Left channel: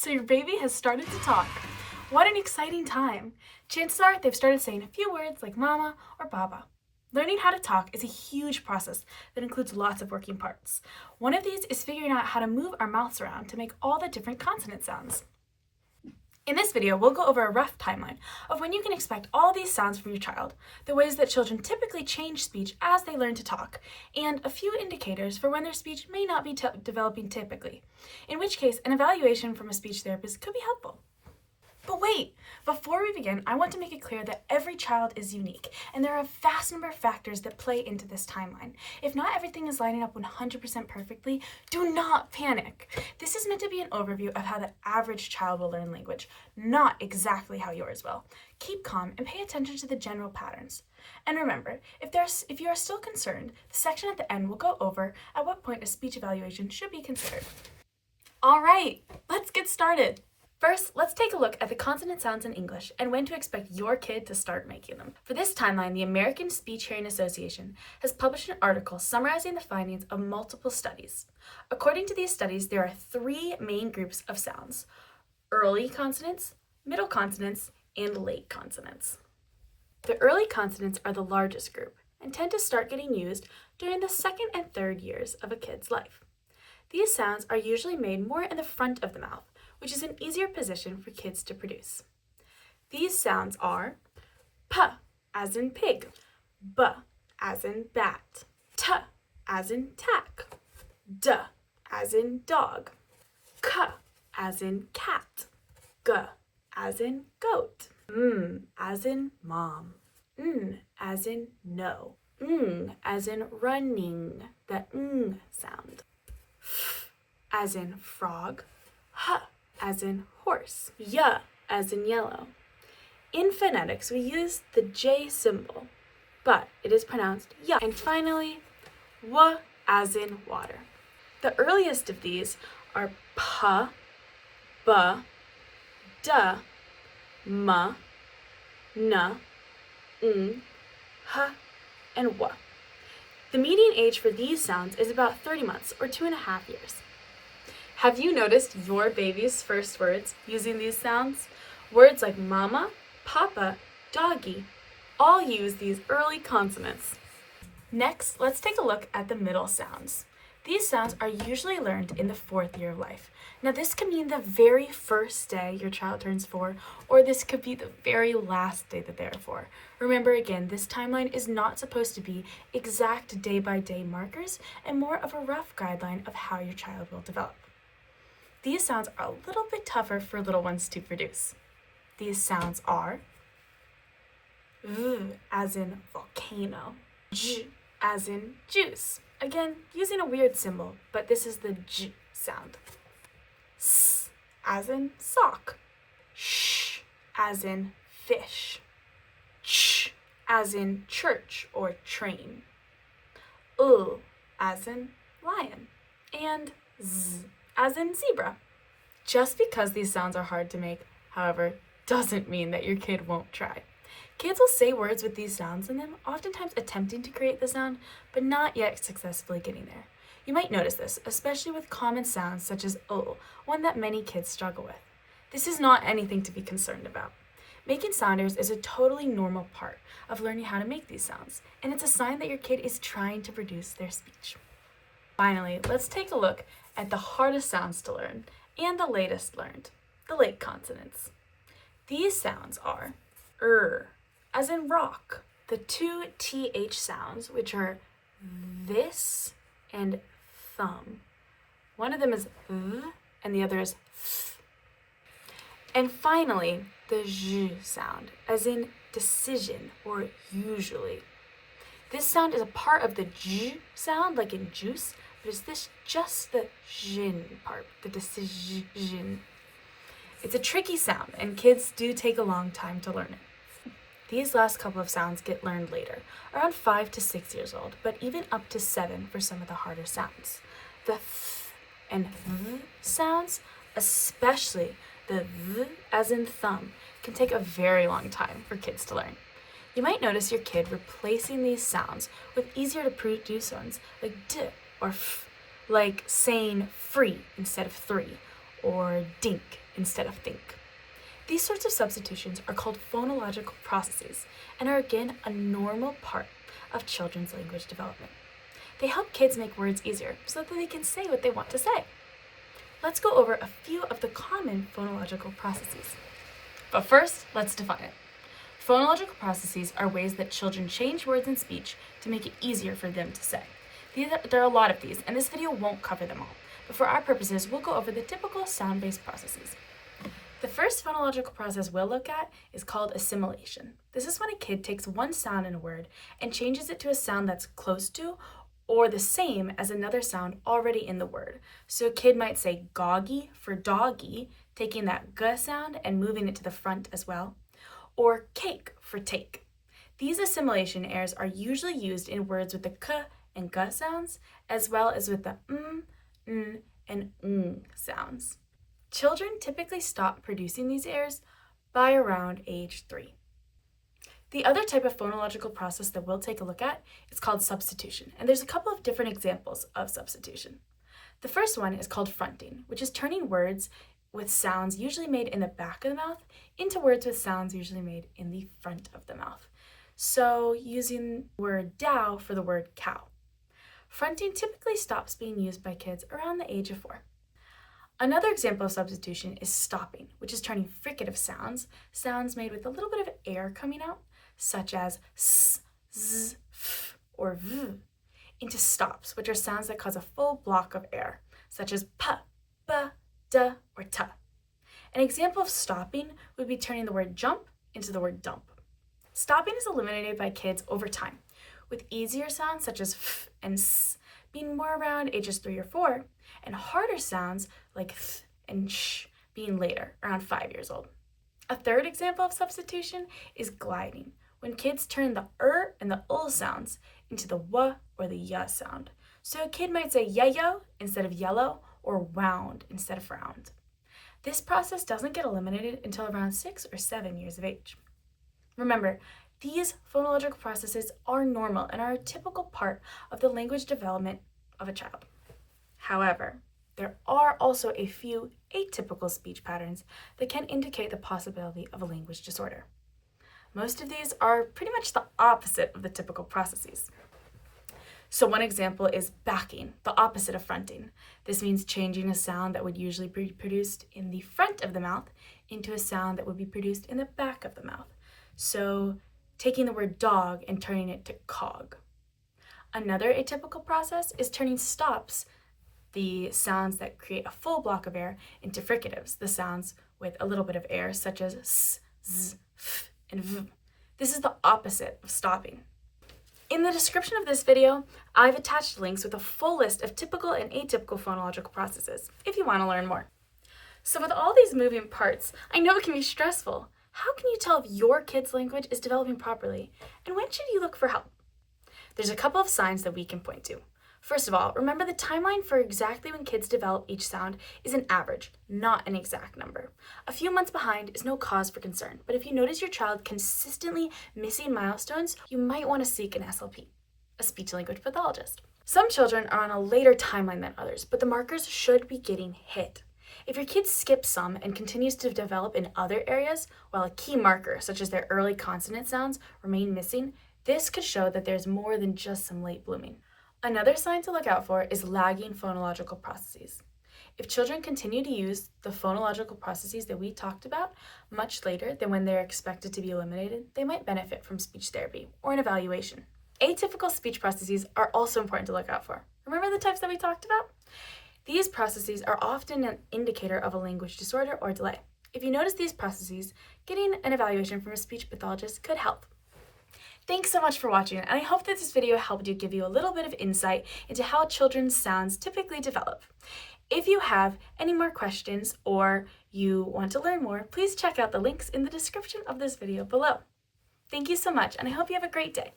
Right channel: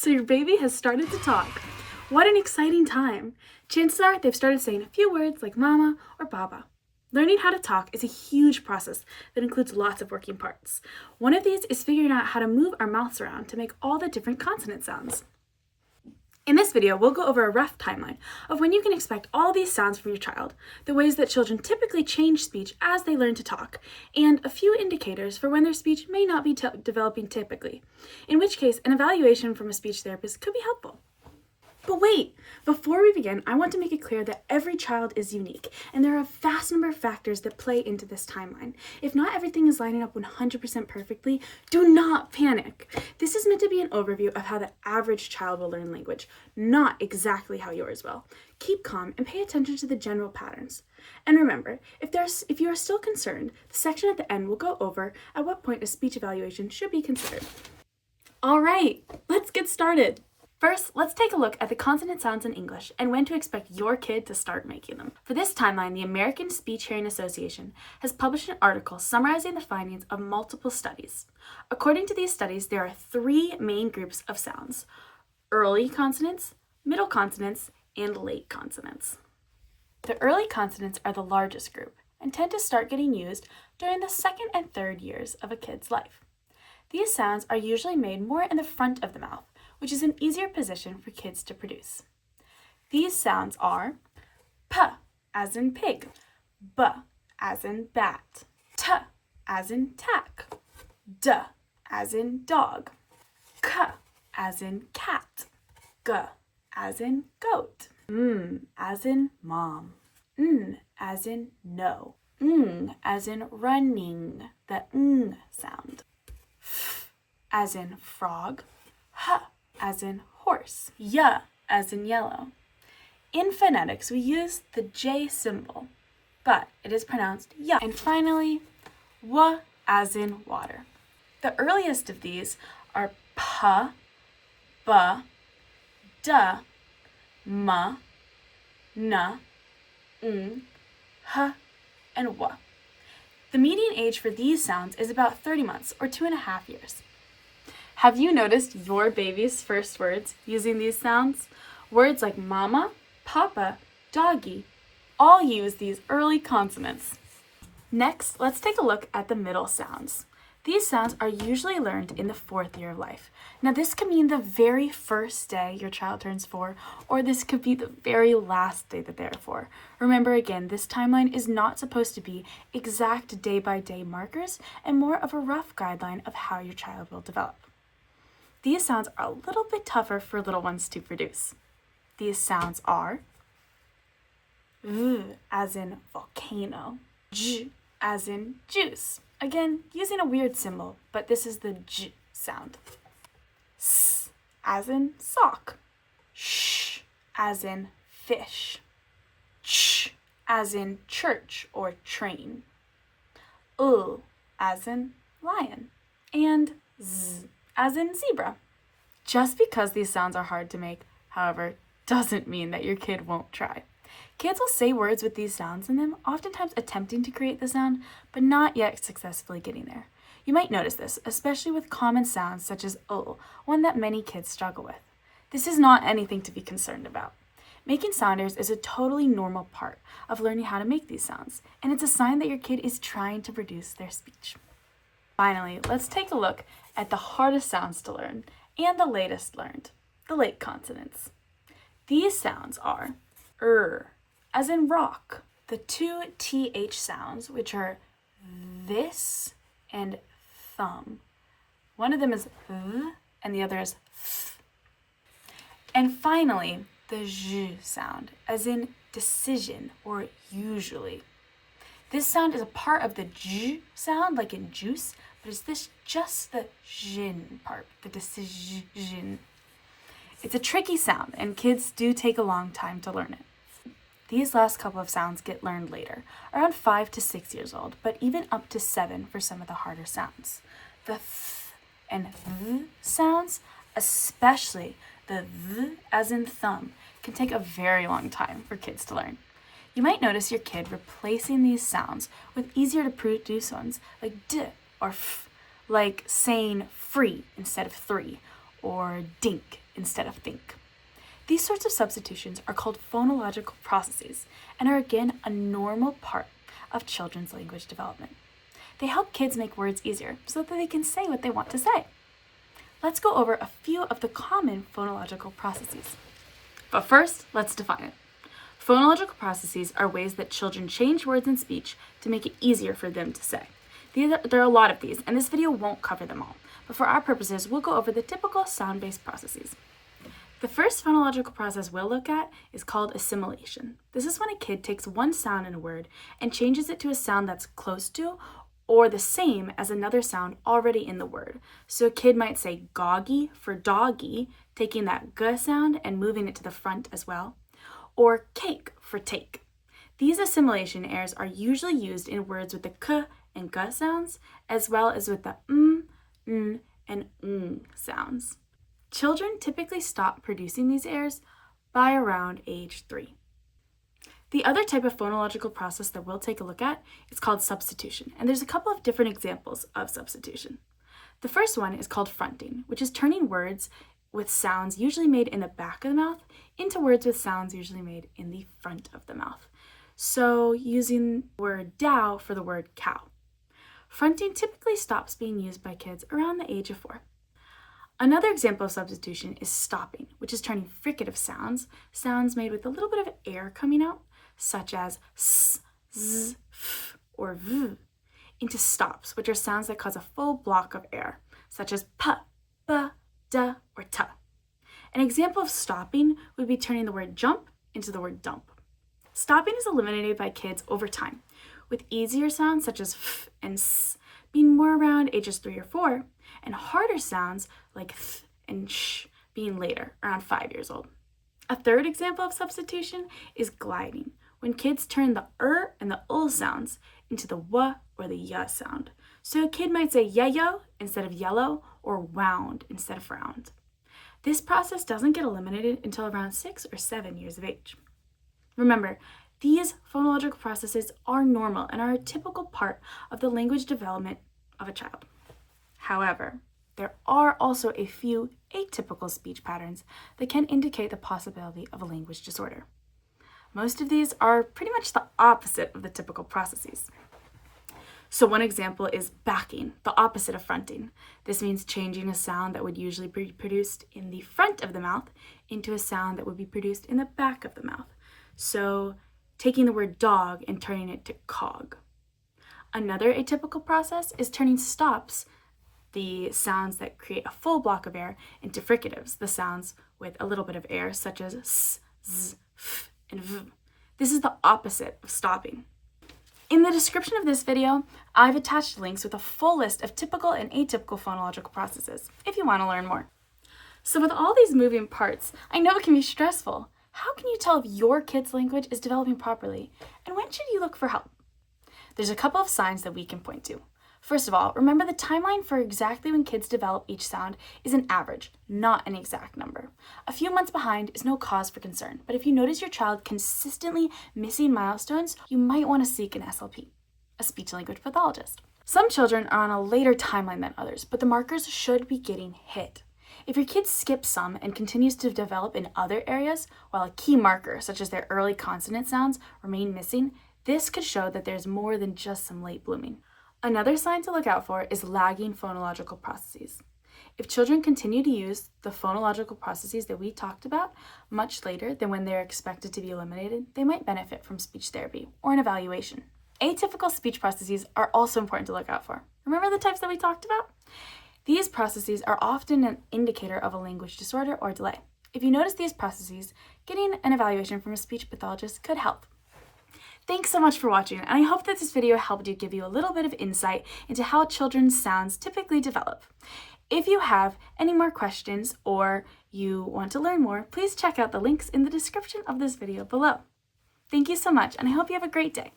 So your baby has started to talk. What an exciting time. Chances are they've started saying a few words like mama or baba. Learning how to talk is a huge process that includes lots of working parts. One of these is figuring out how to move our mouths around to make all the different consonant sounds. In this video, we'll go over a rough timeline of when you can expect all these sounds from your child, the ways that children typically change speech as they learn to talk, and a few indicators for when their speech may not be developing typically, in which case an evaluation from a speech therapist could be helpful. But wait, before we begin, I want to make it clear that every child is unique, and there are a vast number of factors that play into this timeline. If not everything is lining up 100% perfectly, do not panic. This is meant to be an overview of how the average child will learn language, not exactly how yours will. Keep calm and pay attention to the general patterns. And remember, if you are still concerned, the section at the end will go over at what point a speech evaluation should be considered. All right, let's get started. First, let's take a look at the consonant sounds in English and when to expect your kid to start making them. For this timeline, the American Speech Hearing Association has published an article summarizing the findings of multiple studies. According to these studies, there are three main groups of sounds: early consonants, middle consonants, and late consonants. The early consonants are the largest group and tend to start getting used during the second and third years of a kid's life. These sounds are usually made more in the front of the mouth, which is an easier position for kids to produce. These sounds are p as in pig, b as in bat, t as in tack, d as in dog, k as in cat, g as in goat, m as in mom, n as in no, as in running, the sound, f as in frog, h as in horse, y as in yellow. In phonetics, we use the J symbol, but it is pronounced y. And finally, w as in water. The earliest of these are p, b, d, m, n, h, and w. The median age for these sounds is about 30 months or 2.5 years. Have you noticed your baby's first words using these sounds? Words like mama, papa, doggy, all use these early consonants. Next, let's take a look at the middle sounds. These sounds are usually learned in the 4th year of life. Now, this could mean the very first day your child turns 4, or this could be the very last day that they're 4. Remember again, this timeline is not supposed to be exact day-by-day markers and more of a rough guideline of how your child will develop. These sounds are a little bit tougher for little ones to produce. These sounds are v as in volcano, j as in juice. Again, using a weird symbol, but this is the j sound. S as in sock, sh as in fish, ch as in church or train, as in lion, and z as in zebra. Just because these sounds are hard to make, however, doesn't mean that your kid won't try. Kids will say words with these sounds in them, oftentimes attempting to create the sound, but not yet successfully getting there. You might notice this, especially with common sounds such as one that many kids struggle with. This is not anything to be concerned about. Making sounders is a totally normal part of learning how to make these sounds, and it's a sign that your kid is trying to produce their speech. Finally, let's take a look at the hardest sounds to learn and the latest learned, the late consonants. These sounds are as in rock, the two th sounds, which are this and thumb. One of them is th and the other is th. And finally, the j sound, as in decision or usually. This sound is a part of the j sound, like in juice, but is this just the jin part, the decision? It's a tricky sound, and kids do take a long time to learn it. These last couple of sounds get learned later, around 5 to 6 years old, but even up to 7 for some of the harder sounds. The th and th sounds, especially the th as in thumb, can take a very long time for kids to learn. You might notice your kid replacing these sounds with easier to produce ones like d or f, like saying free instead of 3, or dink instead of think. These sorts of substitutions are called phonological processes and are again a normal part of children's language development. They help kids make words easier so that they can say what they want to say. Let's go over a few of the common phonological processes. But first, let's define it. Phonological processes are ways that children change words in speech to make it easier for them to say. There are a lot of these, and this video won't cover them all, but for our purposes, we'll go over the typical sound-based processes. The first phonological process we'll look at is called assimilation. This is when a kid takes one sound in a word and changes it to a sound that's close to or the same as another sound already in the word. So a kid might say goggy for doggy, taking that g sound and moving it to the front as well, or cake for take. These assimilation errors are usually used in words with the k and g sounds, as well as with the n, and sounds. Children typically stop producing these errors by around age 3. The other type of phonological process that we'll take a look at is called substitution, and there's a couple of different examples of substitution. The first one is called fronting, which is turning words with sounds usually made in the back of the mouth into words with sounds usually made in the front of the mouth. So using the word dow for the word cow. Fronting typically stops being used by kids around the age of 4. Another example of substitution is stopping, which is turning fricative sounds made with a little bit of air coming out, such as s, z, f, or v, into stops, which are sounds that cause a full block of air, such as p, b, d, or t. An example of stopping would be turning the word jump into the word dump. Stopping is eliminated by kids over time, with easier sounds such as f and s being more around ages 3 or 4, and harder sounds like th and sh being later, around 5 years old. A third example of substitution is gliding, when kids turn the and the sounds into the w or the y sound. So a kid might say yayo instead of yellow, or wound instead of round. This process doesn't get eliminated until around 6 or 7 years of age. Remember, these phonological processes are normal and are a typical part of the language development of a child. However, there are also a few atypical speech patterns that can indicate the possibility of a language disorder. Most of these are pretty much the opposite of the typical processes. So one example is backing, the opposite of fronting. This means changing a sound that would usually be produced in the front of the mouth into a sound that would be produced in the back of the mouth. So taking the word dog and turning it to cog. Another atypical process is turning stops, the sounds that create a full block of air, into fricatives, the sounds with a little bit of air, such as s, z, f, and v. This is the opposite of stopping. In the description of this video, I've attached links with a full list of typical and atypical phonological processes, if you want to learn more. So with all these moving parts, I know it can be stressful. How can you tell if your kid's language is developing properly, and when should you look for help? There's a couple of signs that we can point to. First of all, remember the timeline for exactly when kids develop each sound is an average, not an exact number. A few months behind is no cause for concern, but if you notice your child consistently missing milestones, you might want to seek an SLP, a speech-language pathologist. Some children are on a later timeline than others, but the markers should be getting hit. If your kid skips some and continues to develop in other areas, while a key marker, such as their early consonant sounds, remain missing, this could show that there's more than just some late blooming. Another sign to look out for is lagging phonological processes. If children continue to use the phonological processes that we talked about much later than when they're expected to be eliminated, they might benefit from speech therapy or an evaluation. Atypical speech processes are also important to look out for. Remember the types that we talked about? These processes are often an indicator of a language disorder or delay. If you notice these processes, getting an evaluation from a speech pathologist could help. Thanks so much for watching, and I hope that this video helped you give you a little bit of insight into how children's sounds typically develop. If you have any more questions or you want to learn more, please check out the links in the description of this video below. Thank you so much, and I hope you have a great day.